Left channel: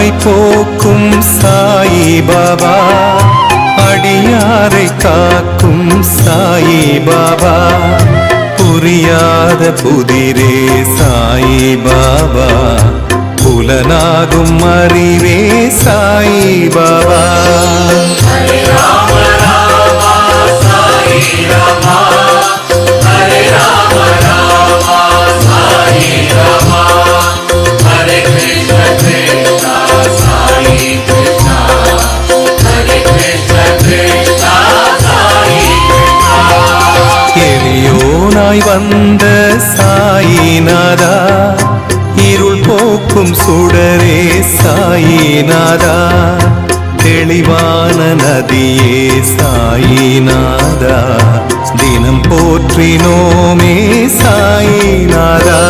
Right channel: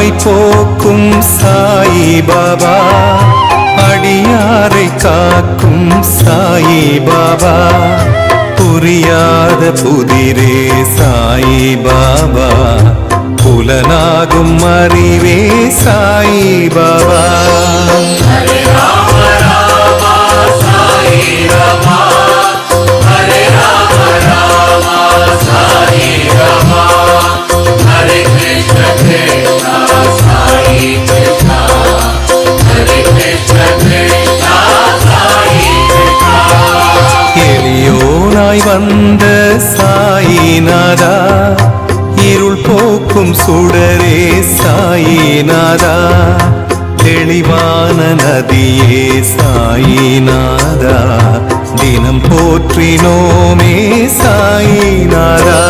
நோய் போக்கும் சாயி பாபா, அடியாரை காக்கும் சாயி பாபா, புரியாத புதிரே சாயி பாபா, புலனாகும் அறிவே சாயி பாபா. எளியோனாய் வந்த சாயிநாதா, இருள் போக்கும் சுடரே சாயிநாதா, தெளிவான நதியே சாயிநாதா, தினம் போற்றினோமே சாயிநாதா.